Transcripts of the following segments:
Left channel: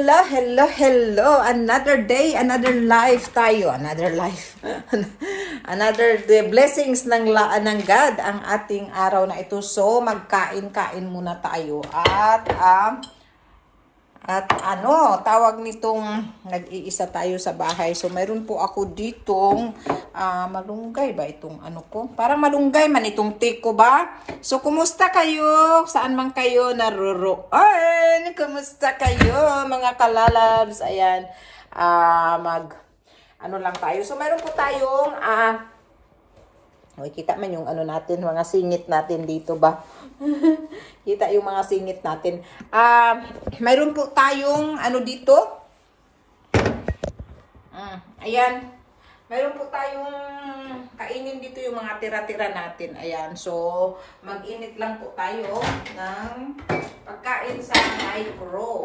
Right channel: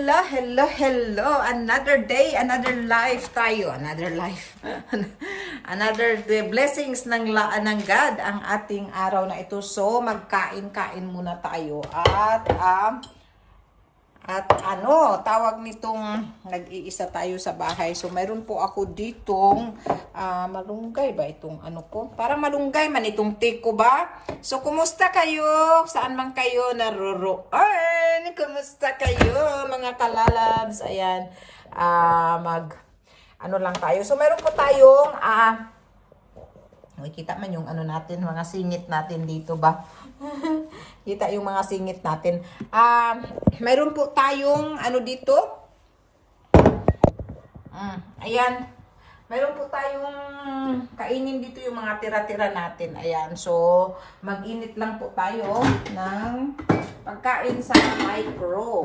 hello, hello, hello. Another day, another life tayo. Another life. Another day. Blessings ng God ang ating araw na ito. So, magkain-kain muna tayo. At tawag nitong nag-iisa tayo sa bahay. So, mayroon po ako ditong malunggay ba itong ko? Parang malunggay man itong tiko ba? So, kumusta kayo? Saan man kayo naruroan? Kumusta kayo mga kalalabs? Ayan, lang tayo. So, mayroon po tayong, kita man yung natin, mga singit natin dito ba? Kita yung mga singit natin. Mayroon po tayong dito. Ayan. Mayroon po tayong kainin dito yung mga tira-tira natin. Ayan. So, mag-init lang po tayo ng pagkain sa micro.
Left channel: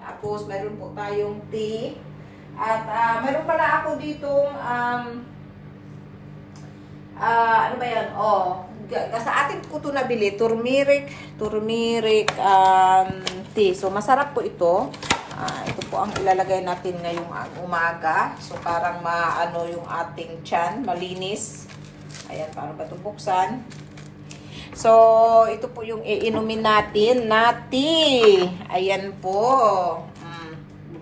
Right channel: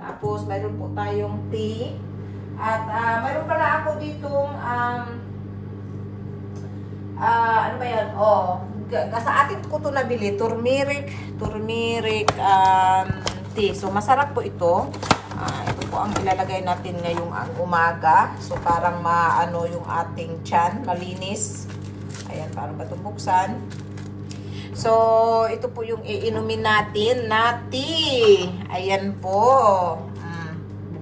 Tapos, mayroon po tayong tea. At mayroon pala ako ditong ano ba yan? Sa atin ko ito nabili, turmeric tea. So, masarap po ito. Ito po ang ilalagay natin ngayong umaga. So, parang maano yung ating tiyan, malinis. Ayan, paano ba ito buksan? So, ito po yung iinumin natin na tea. Ayan po.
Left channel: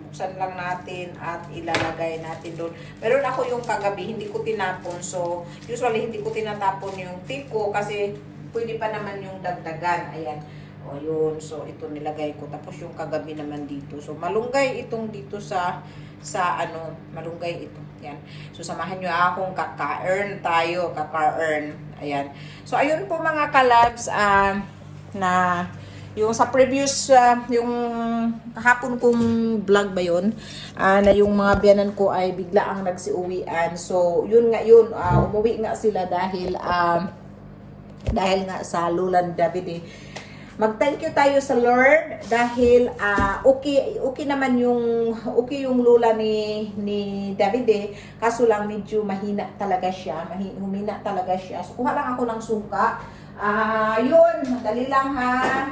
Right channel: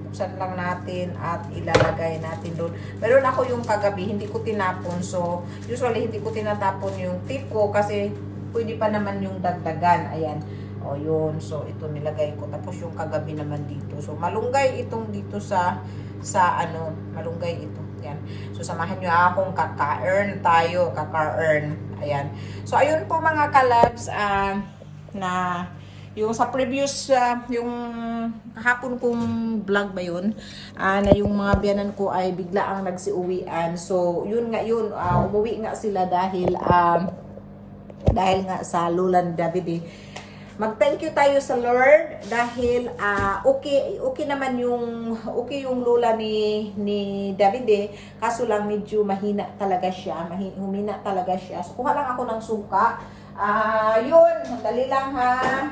Buksan lang natin at ilalagay natin doon. Meron ako yung kagabi, hindi ko tinapon. So, usually hindi ko tinatapon yung tea ko kasi pwede pa naman yung dagdagan. Ayan. O, yun. So, ito nilagay ko. Tapos yung kagabi naman dito. So, malunggay itong dito sa malunggay ito. Ayan. So, samahan nyo akong kaka-earn tayo. Kaka-earn. Ayan. So, ayun po mga kalabs, na yung sa previous, yung kahapon kong vlog ba yun, na yung mga biyanan ko ay bigla ang nagsiuwian. So, yun nga yun, umuwi nga sila dahil nga sa Lulan David. Mag-thank you tayo sa Lord dahil okay naman yung lula ni David kaso lang medyo mahina talaga siya, humina talaga siya. So, kuha lang ako ng suka. Yun, dali lang ha.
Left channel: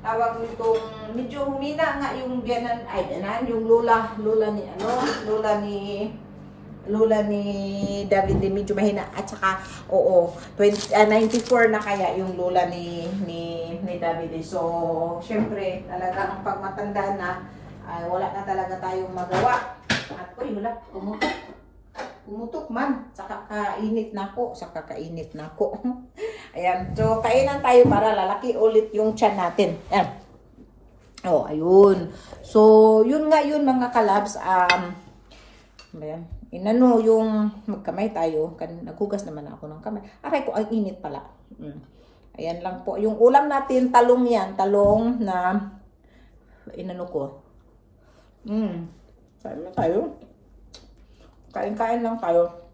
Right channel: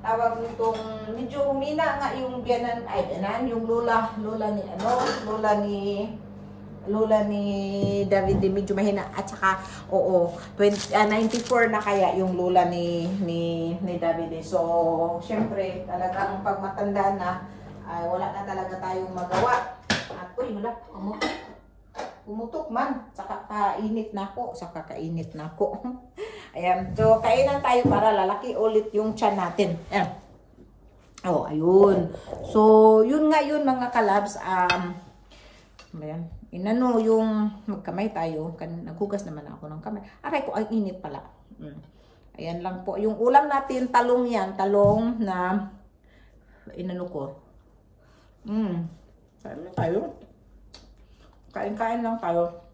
Tawag nitong medyo humina nga yung biyanan, yung lula ni David, medyo mahina. At saka 94 na kaya yung lula ni David. So syempre talaga ang pagmatanda na ay wala na talaga tayong magawa. At wala, umutok man, saka kainit na ako. Ayan, so kainan tayo para lalaki ulit yung tiyan natin. Ayan. Ayun. So, yun nga yun mga kalabs. Ayan. Inano yung magkamay tayo. Naghugas naman ako ng kamay. Aray ko, ang init pala. Ayan lang po. Yung ulam natin, talong yan. Talong na inano ko. Kain na tayo. Kain-kain lang tayo.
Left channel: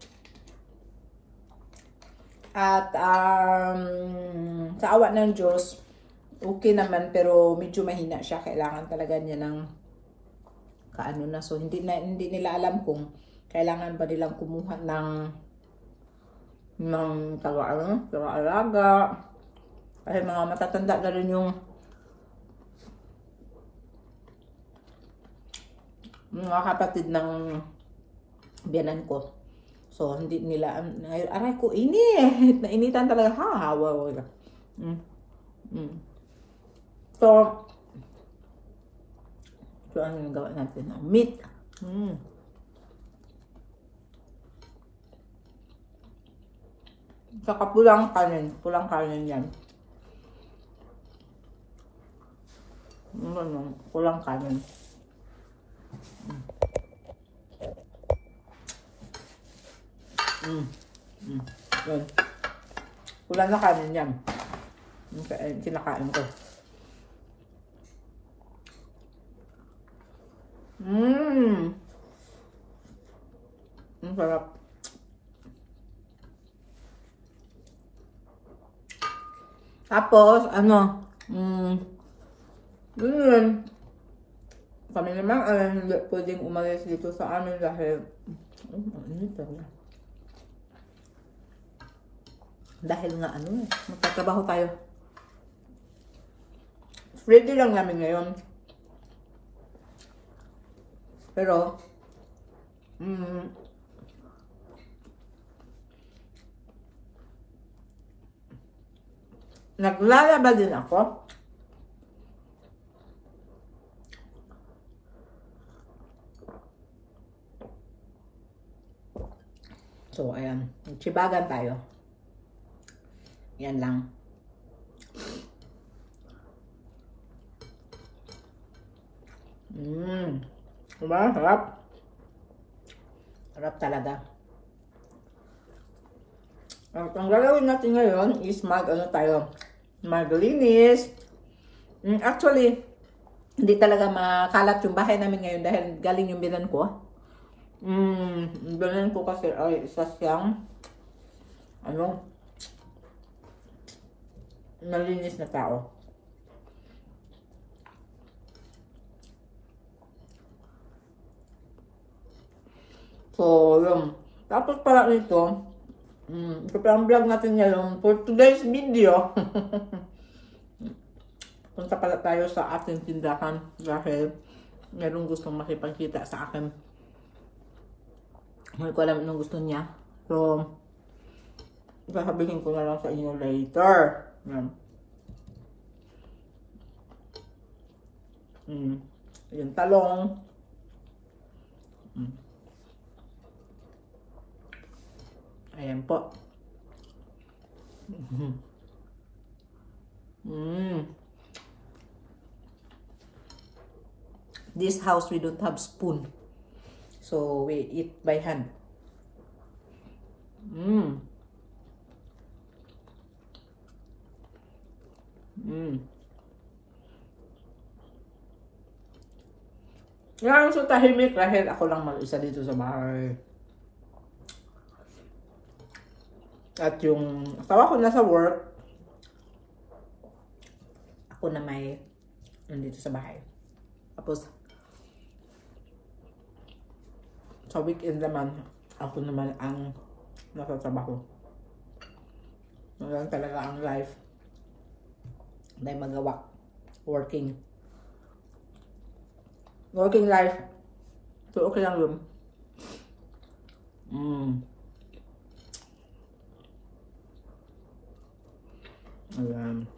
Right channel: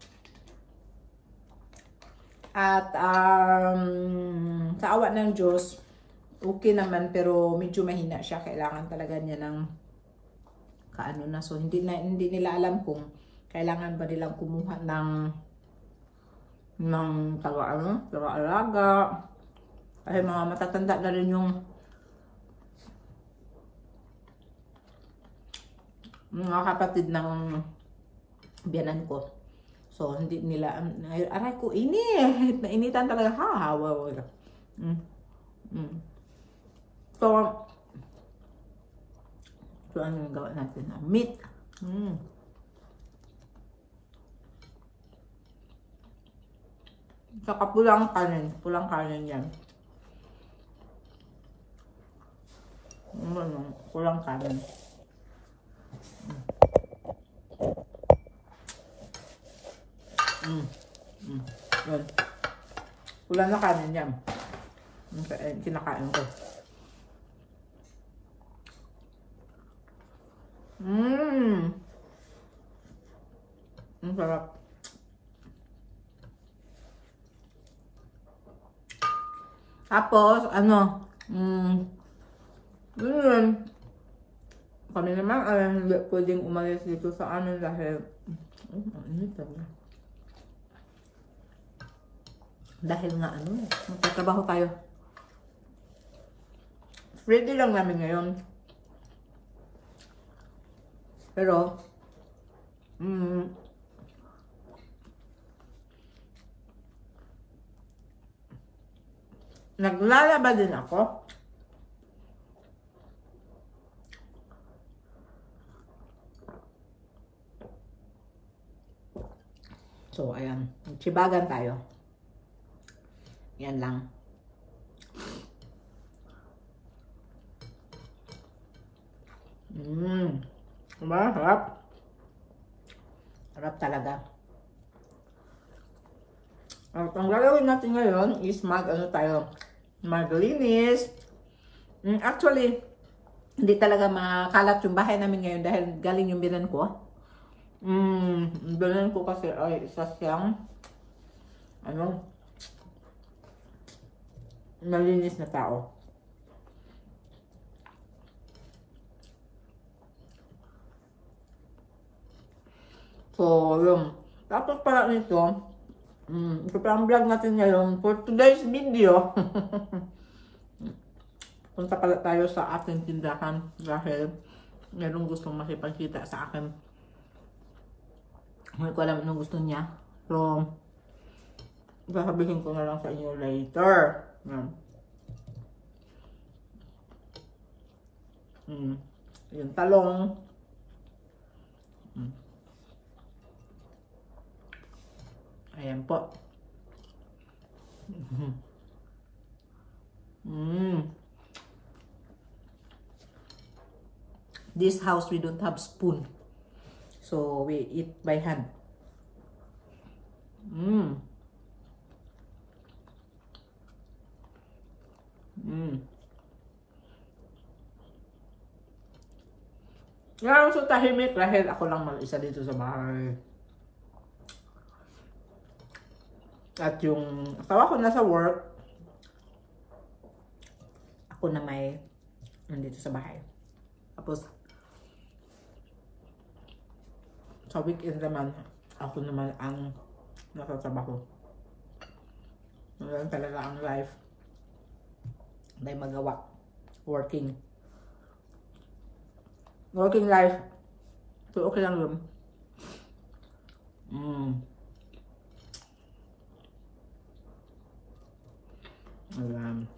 At sa awa ng Diyos, okay naman pero medyo mahina siya. Kailangan talaga niya ng na. So hindi nila alam kung kailangan ba nilang kumuha ng taga-alaga. Kasi mga matatanda na rin yung mga kapatid ng biyanan ko. So, hindi nila, aray ko, init. Nainitan talaga. Hawa. So, ano yung gawa natin? Meat. Saka pulang kanin. Pulang kanin yan. Pulang kanin. Yan. Kulang na kanin yan. Kinakain ko. Ang sarap. Tapos, kami naman hindi pwedeng umalis dito sa amin dahil nga magtatrabaho tayo. Ready lang namin ngayon. Pero, naglalaba din ako. So, ayan. Chibagan tayo. Yan lang. Diba? Harap. Harap talaga. Ang gagawin natin ngayon is maglinis. Actually, hindi talaga makalat yung bahay namin ngayon dahil galing yung bilan ko. Bilan ko kasi ay isa siyang malinis na tao. So, yun. Tapos pala nito, ito pa ang vlog natin ngayon for today's video. Punta pala tayo sa ating tindahan dahil mayroong gustong makipagkita sa akin. Hindi ko alam anong gusto niya. So, sasabihin ko na lang sa inyo later. Yung talong. Ayan po. This house we don't have spoon. So we eat by hand. Ngayon so tahimik dahil ako lang mag-isa dito sa bahay. At yung asawa ko nasa work, ako na may nandito sa bahay. Tapos sa weekend naman, ako naman ang nasa trabaho. Ngayon talaga ang life. Dahil magawa. Working life. So okay lang yun. Ayan.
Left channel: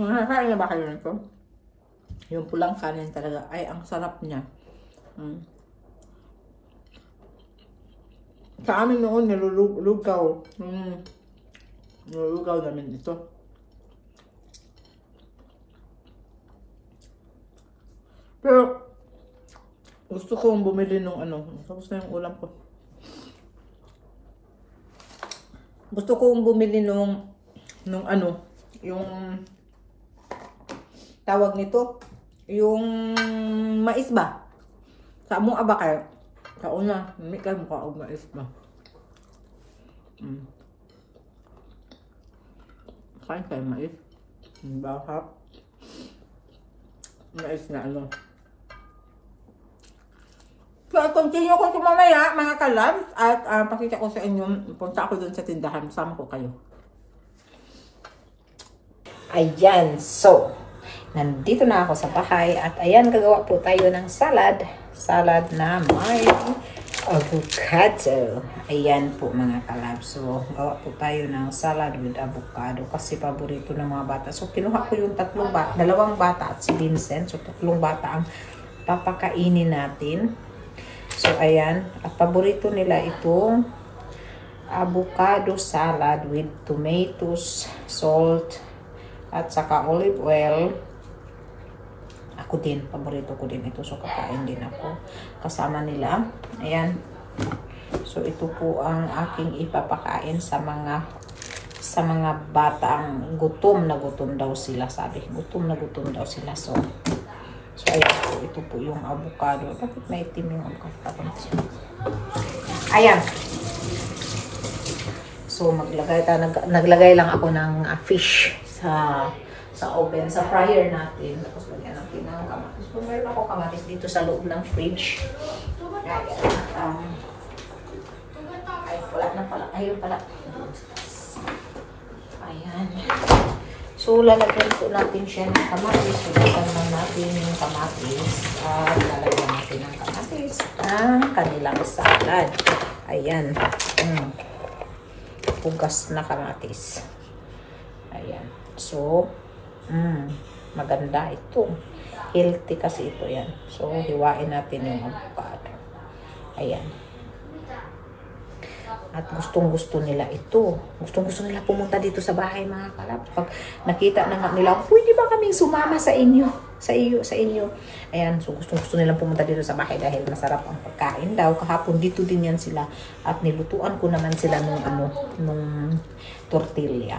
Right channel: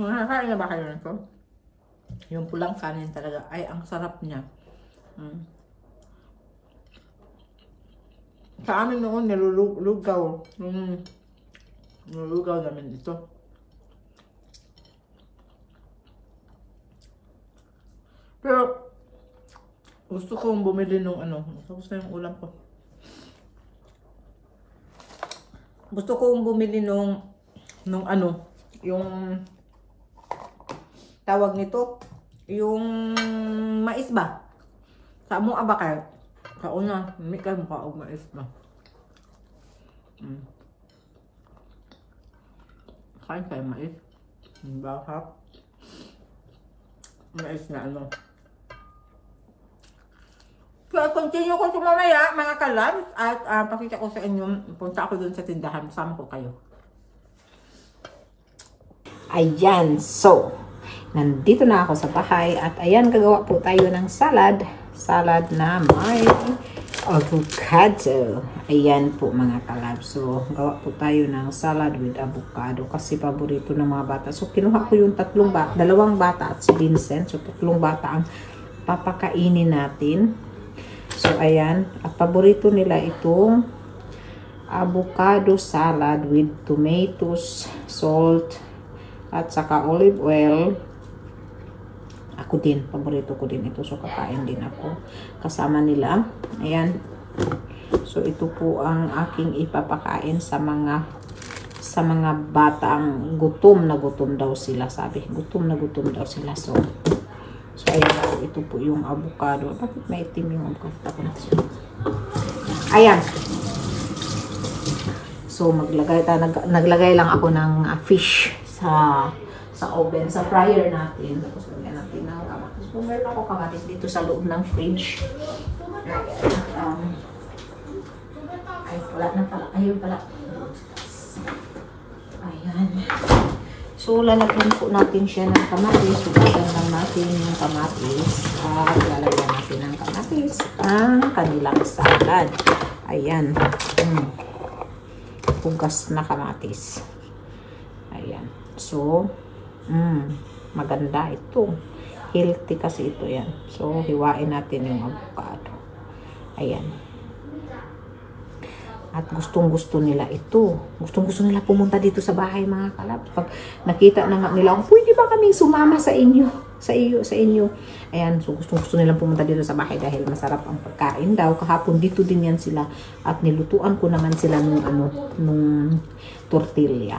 Nakakain na ba kayo nito? Yung pulang kanin talaga. Ay, ang sarap niya. Sa amin noon, nilulugaw. Nilulugaw namin ito. Pero, gusto kong bumili nung tapos na yung ulam ko. Gusto kong bumili nung yung tawag nito, yung mais ba? Sa among abakay, kauna, may kayo mukha og mais ba? Kain kayo mais. Bahap. Mais na So, continue ko ito mamaya, mga kalabs, at pakita ko sa inyo, punta ako dun sa tindahan, sama ko kayo. Ayan, so, nandito na ako sa bahay, at ayan, gagawa po tayo ng salad na may avocado. Ayan po mga kalabs, so, gawa po tayo ng salad with avocado, kasi paborito ng mga bata. So, kinuha ko yung dalawang bata at si Vincent, so 3 bata ang papakainin natin. So, ayan. At paborito nila itong avocado salad with tomatoes, salt, at saka olive oil. Ako din. Paborito ko din ito. So, kakain din ako. Kasama nila. Ayan. So, ito po ang aking ipapakain sa mga batang gutom na gutom daw sila. Sabi, gutom na gutom daw sila. So, ayan po, ito po yung avocado. Bakit may itim yung avocado? Ayan. So, naglagay lang ako ng fish sa oven, sa fryer natin. Tapos, lagyan natin ng kamatis. So, mayroon ako kamatis dito sa loob ng fridge. Ayan. Ay, wala na pala. Ayun pala. Ayan. So, lalagyan po natin siya ng kamatis. Lalagyan lang natin yung kamatis. At lalagyan natin ng kamatis ang kanilang salad. Ayan. Pugas na kamatis. Ayan. So, maganda ito. Healthy kasi ito yan. So, hiwain natin yung avocado. Ayan. At gustong-gusto nila ito. Gustong-gusto nila pumunta dito sa bahay, mga kalab. Pag nakita na nila, pwede ba kaming sumama sa inyo? Sa inyo. Ayan, so gustong-gusto nilang pumunta dito sa bahay dahil masarap ang pagkain daw. Kahapon dito din yan sila. At nilutuan ko naman sila nung tortilla.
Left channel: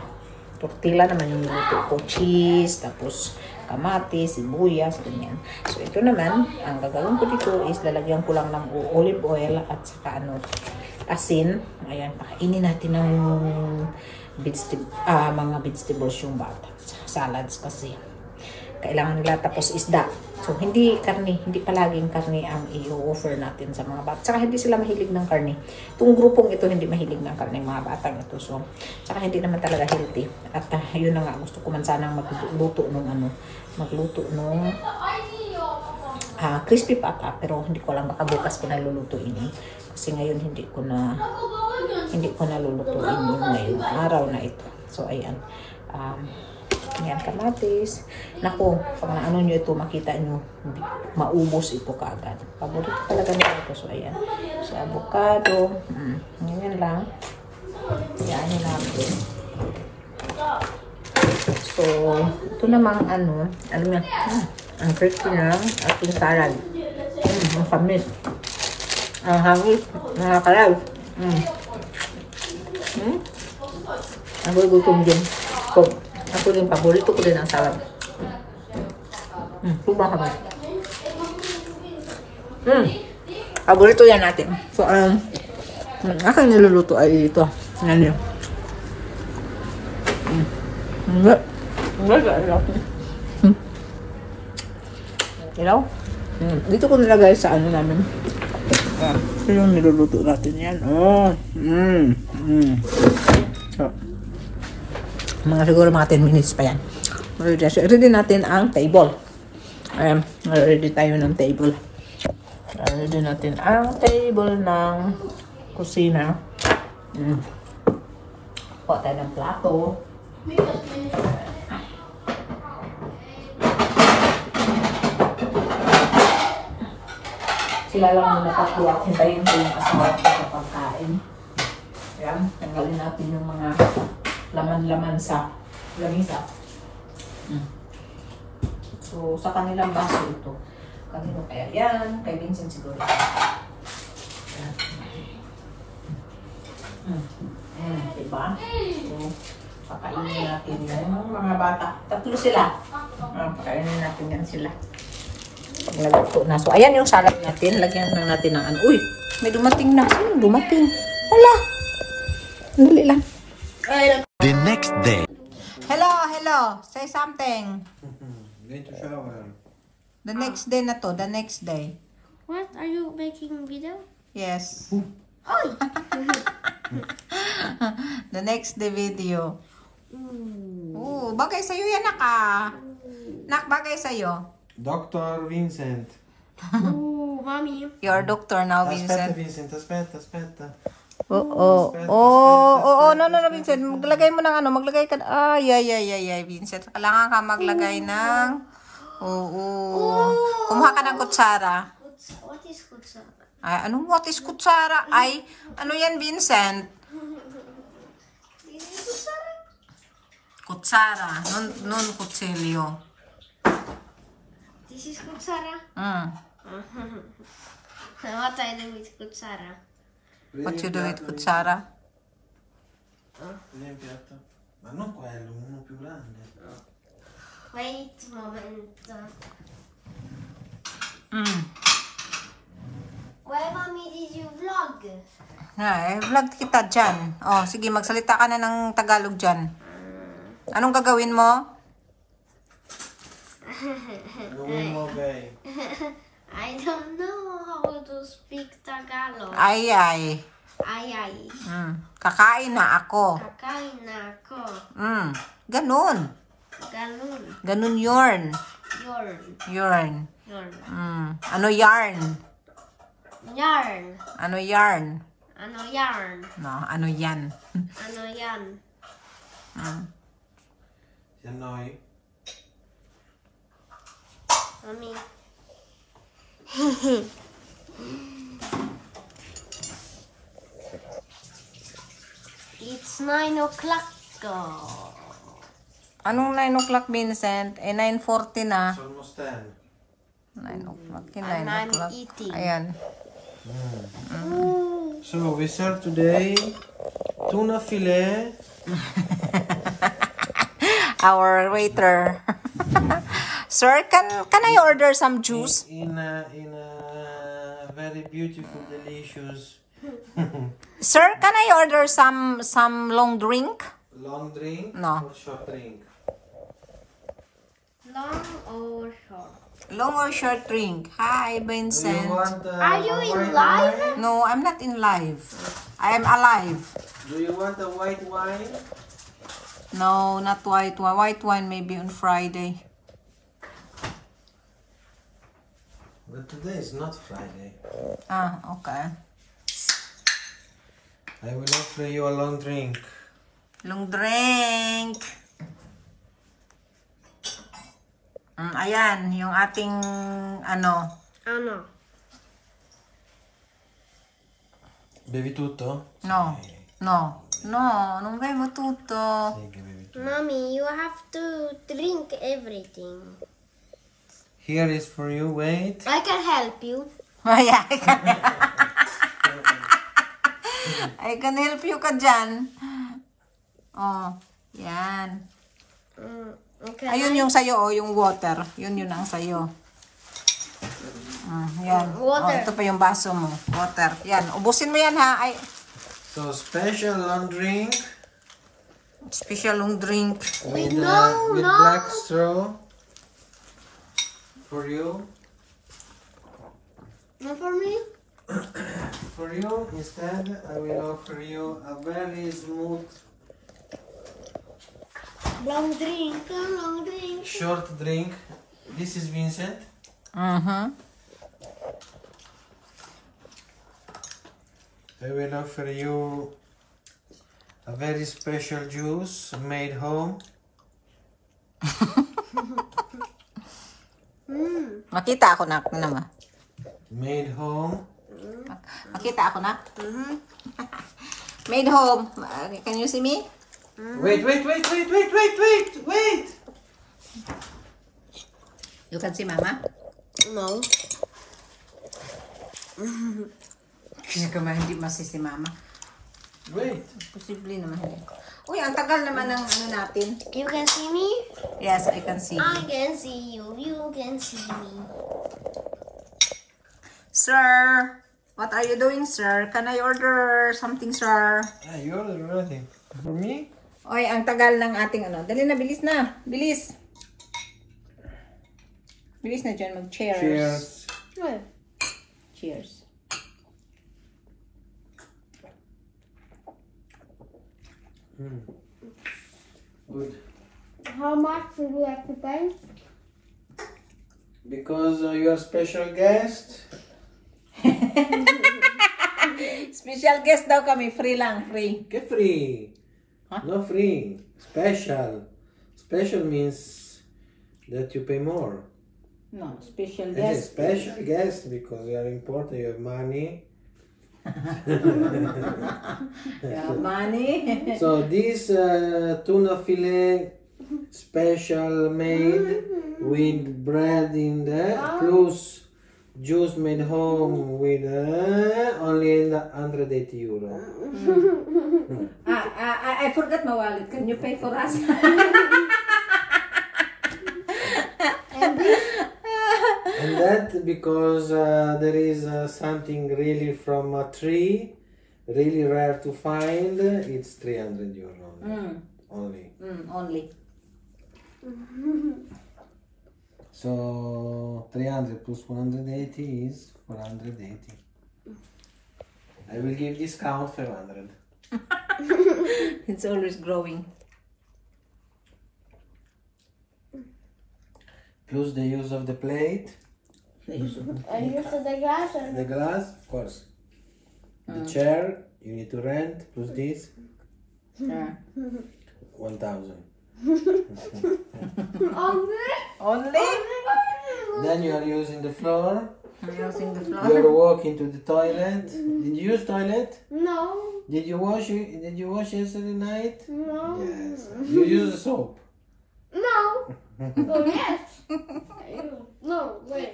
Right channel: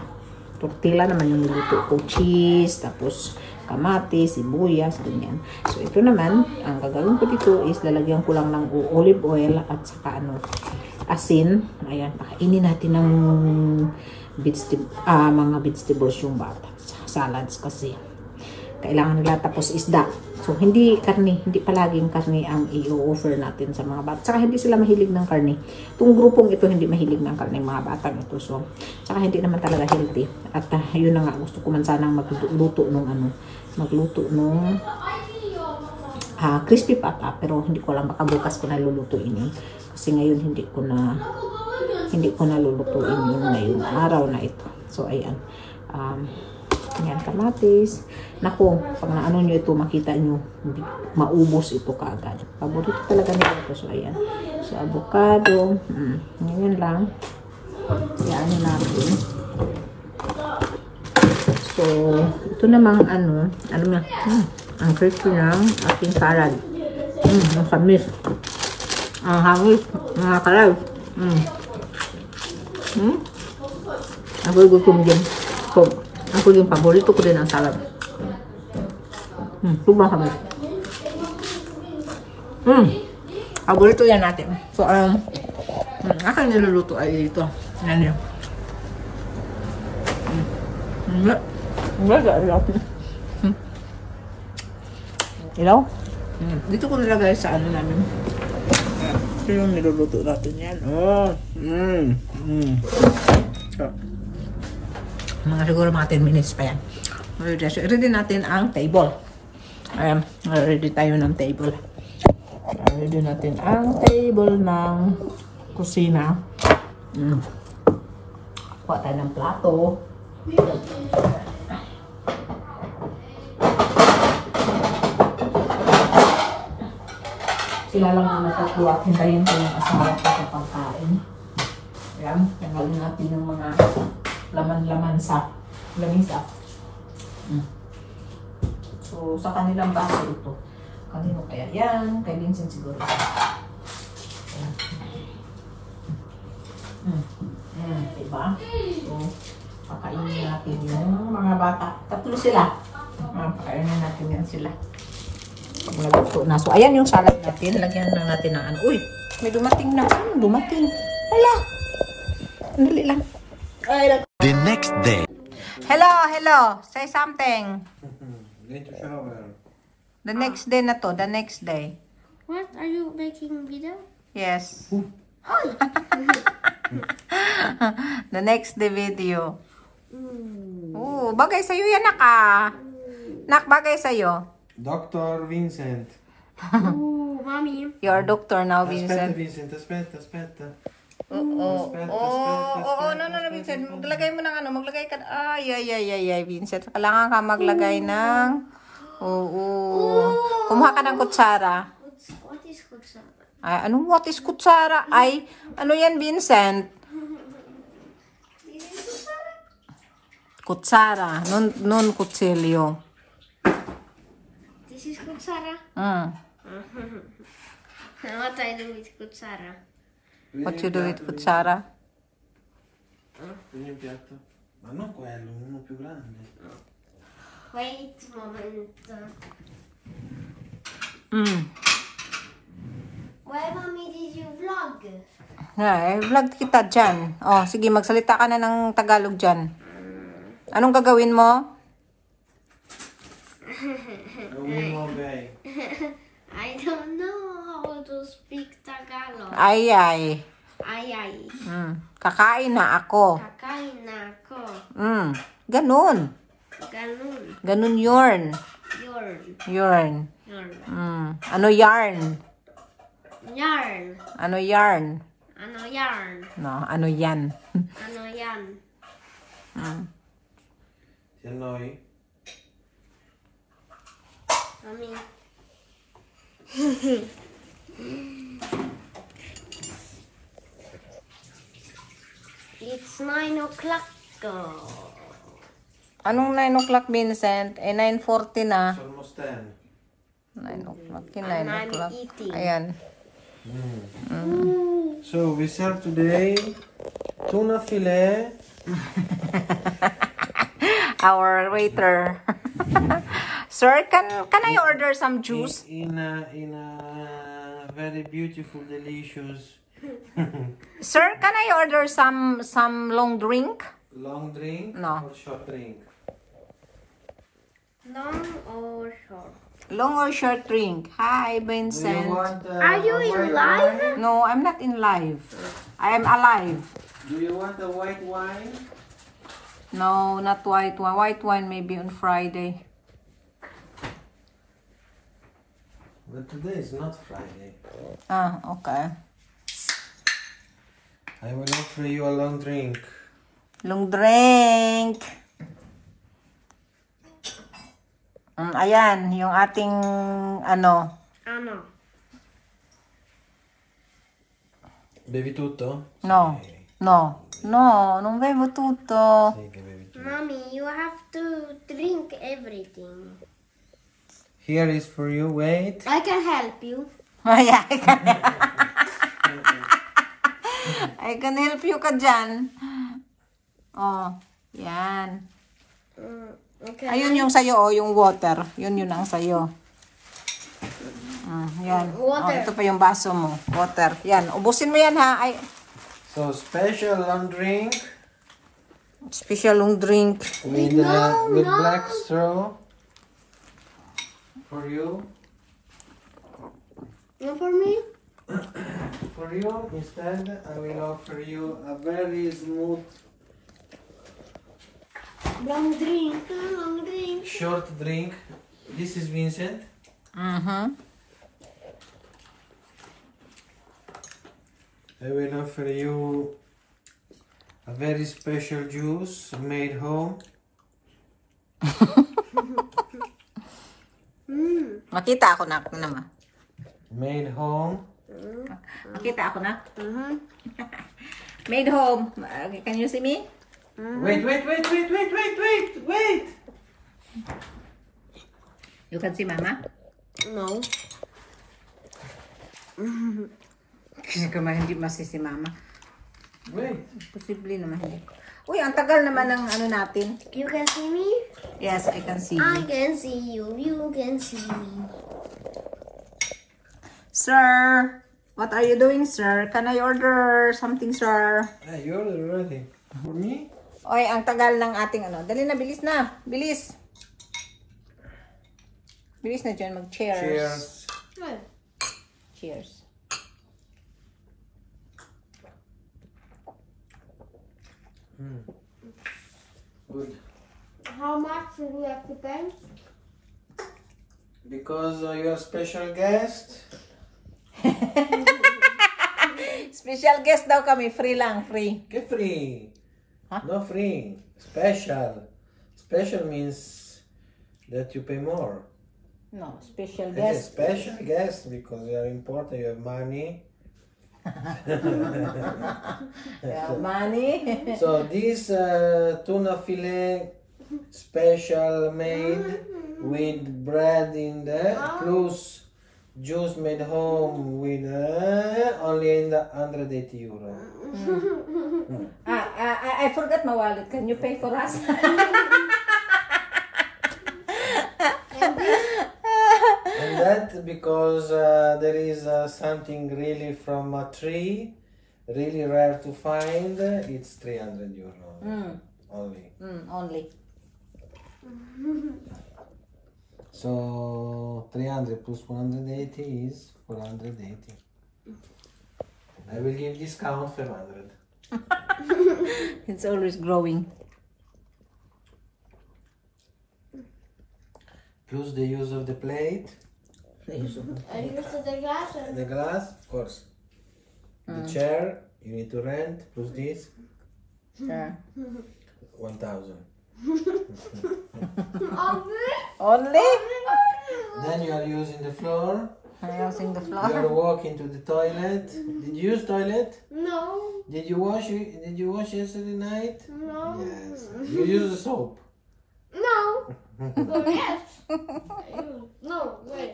Tortilla naman yung niluto ko. Cheese, tapos kamatis, sibuyas, ganyan. So, ito naman, ang gagawin ko dito is lalagyan ko lang ng olive oil at saka asin. Ayan, pakainin natin ng mga vegetables yung bata. Salads kasi. Kailangan nila, tapos isda. So, hindi palaging karne ang i-offer natin sa mga bata. Saka hindi sila mahilig ng karne. Itong grupong ito hindi mahilig ng karne, mga batang ito. So, saka hindi naman talaga healthy. At yun na nga, gusto ko man sanang magluto nung crispy pata, pero hindi ko alam, baka bukas ko na lulutuin yun. Kasi ngayon hindi ko na lulutuin yun ngayong araw na ito. So, ayan. Yan, kamatis. Naku, pag naano nyo ito, makita nyo, maubos ito kaagad. Paborito talaga nila ito. So, ayan. So, avocado. Ganyan lang. Yan natin. So, ito namang alam niya, ang crispy ng ating salad. Ang samis. Ang hangis. Mga kalab. Ako gutom din. Ako din, paborito ko din ang salad. Sobrang samis. Paborito yan natin. So, aking niluluto ay ito. Yan yun. Ilaw? Dito ko nilagay sa namin. Ito yung niluluto natin yan. So, siguro mga 10 minutes pa yan. Ready natin ang table. Ayan, ready tayo ng table. Ready natin ang table ng kusina. Kuha tayo ng plato. Sila lang muna pakuha kung tayo yung kasama ko sa pagkain. Ayan, tanggalin natin yung mga laman-laman sa lamisa. So, sa kanilang baso ito. Kanino kaya yan? Kay Vincent siguro. Diba? So, pakainin natin yung mga bata. Tatlo sila. Pakainin natin yan sila. Pag nagluto na. So, ayan yung salad natin. Lagyan na natin ng ano. Uy! May dumating na. Sino dumating? Hala! Dali lang. The next day. Hello. Say something. Going to shower. The next day na to. The next day. What? Are you making video? Yes. The next day video. Oh, bagay sa'yo yan, Nak. Nak, bagay sa'yo. Dr. Vincent. Oh, mommy. You're doctor now, Aspetta, Vincent. Vincent. Aspetta. Oo, no, Vincent. Maglagay mo ng ano, maglagay ka. Ay, Vincent. Kailangan ka maglagay ng. Oo. Kumuha ka ng kutsara. What is kutsara? Ay, anong what is kutsara? Ay, ano yan, Vincent? Kutsara. Non kutsilyo. This is kutsara? What I do with kutsara? What you do with kutsara? Vedi il piatto? Ma non quello, uno più grande. Wait a moment. Where, mommy, did you vlog? Vlog kita dyan. Oh, sige, magsalita ka na ng Tagalog dyan. Anong gagawin mo? Uno, okay. I don't know how to speak Tagalog. Ay. Ay. Kakain na ako. Kakain na ako. Ganun. Ganun. Ganun yarn. Yarn. Yarn. Yarn. Ano yarn? Yarn. Ano yarn? Ano yarn? No, ano yan? Ano yan? Si Noi. Mami. It's 9 o'clock. Anong 9 o'clock, Vincent? 9:40 na. It's almost 10. 9 o'clock. 9 And I'm o'clock. eating. Ayan. So we serve today tuna fillet. Our waiter. Sir, can I order some juice? In a very beautiful, delicious Sir, can I order some long drink? long drink No. or short drink. Long or short? Long or short drink? Hi, Do you Vincent. want, Are you a in white live? wine? No, I'm not in live. I am alive. Do you want a white wine? No, not white wine. White wine maybe on Friday. But today is not Friday. Ah, okay. I will offer you a long drink. Long drink. Ayan, yung ating ano. Ano? Bevi tutto? No. No. No, non bevo tutto. Sì, che bevi tutto. Mommy, you have to drink everything. Here is for you. Wait. I can help you. Ayan, I can help you ka dyan. Oh, yan. Okay. Ayun yung sayo, oh, yung water. Yun ang sayo. Yan. Oh, Water. ito pa yung baso mo. Water. Yan. Ubusin mo yan, ha? Ay, So special long drink special long drink. with black straw for you. Not for me? For you instead, I will offer you a very smooth Long drink, long drink. short drink. This is Vincent. I will offer you a very special juice made home. Makita ako na. Ano naman? Made home. Makita ako na. Made home. Can you see me? Wait. You can see Mama? No. Hindi masisi Mama. Wait. Posible naman hindi. Uy, ang tagal naman ng ano natin. You can see me? Yes, I can see I you. can see you. You can see me. Sir, what are you doing, sir? Can I order something, sir? Ah, you ordered already. For me? Oy, ang tagal ng ating ano. Dali na, bilis na. Bilis. Bilis na dyan, mag-cheers. Cheers. Well, Cheers. Good. how much do we have to pay? Because you are special guest. Special guest daw kami. Free lang, free. Che free? Huh? No free. Special. Special means that you pay more. No, special Yes, guest. special guest because you are important. You have money. Money. So this tuna fillet special made with bread in there plus juice made home with only 180 euro. I forgot my wallet. Can you pay for us? And that because there is something really from a tree, really rare to find. It's 300 euro only. Only. So 300 plus 180 is 480. I will give discount for 100. It's always growing. plus the use of the plate, I use the glass. the glass, of course. The chair you need to rent plus this, 1,000. Only? Then you are using the floor. Using the You floor. are walking to the toilet. Did you use toilet? No. Did you wash? Did you wash yesterday night? No. Yes. You use the soap. No. But yes. No, wait.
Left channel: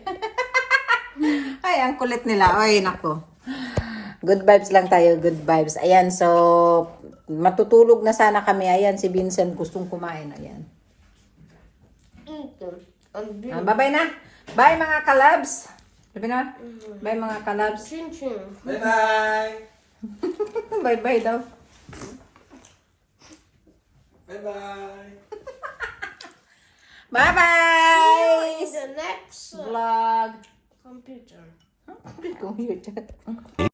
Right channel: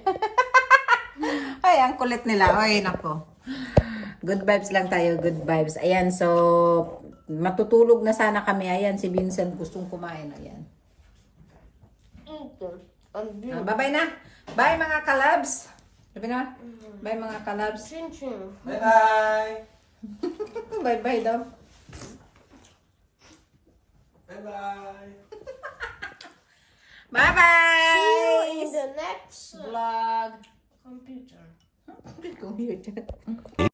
Ay, ang kulit nila. Ay, nako. Good vibes lang tayo. Good vibes. Ayan, so, matutulog na sana kami. Ayan, si Vincent gustong kumain. Ayan. Bye-bye na. Bye, mga kalabs. Sabi na. Bye, mga kalabs. Chin-chin. Bye-bye. Bye-bye daw. Bye-bye. Bye-bye! The next Vlog. computer. Computer.